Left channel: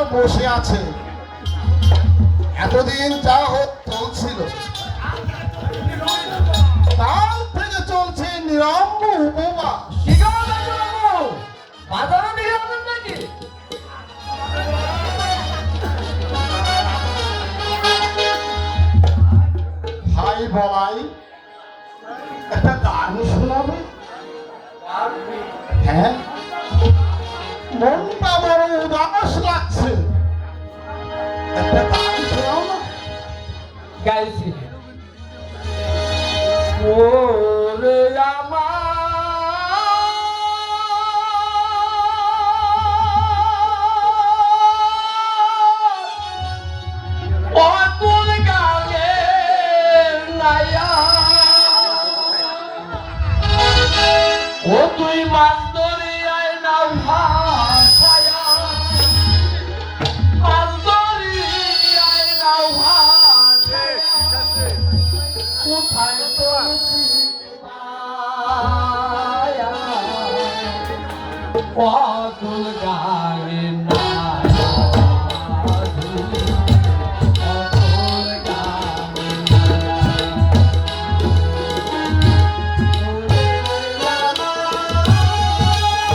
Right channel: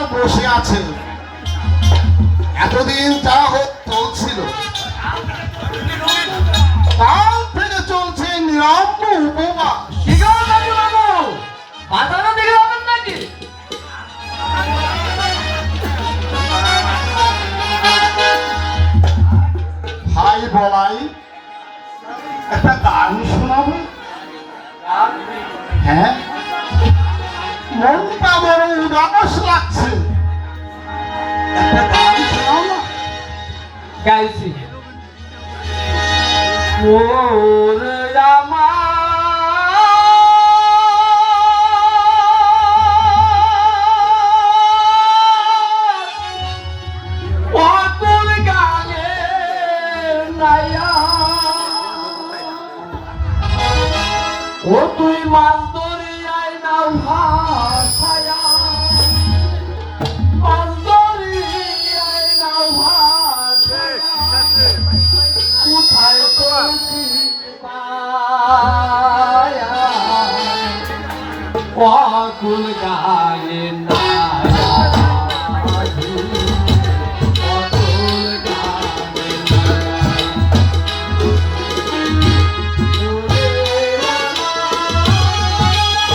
আর বসে আছে। এতদিন যা চলছিল, কাল থেকে চলছে নিরম্ব উপবাস। কি করো বাবু? বাজারে দিকে যাবেন নাকি? ভাই বলাই একটা গান শোনাবে? হ্যাঁ, মনটা বড় উদাস লাগছে, একটা গান শোনাও না। গাইছি ওর অতুল গানে নায়া ও তুই মান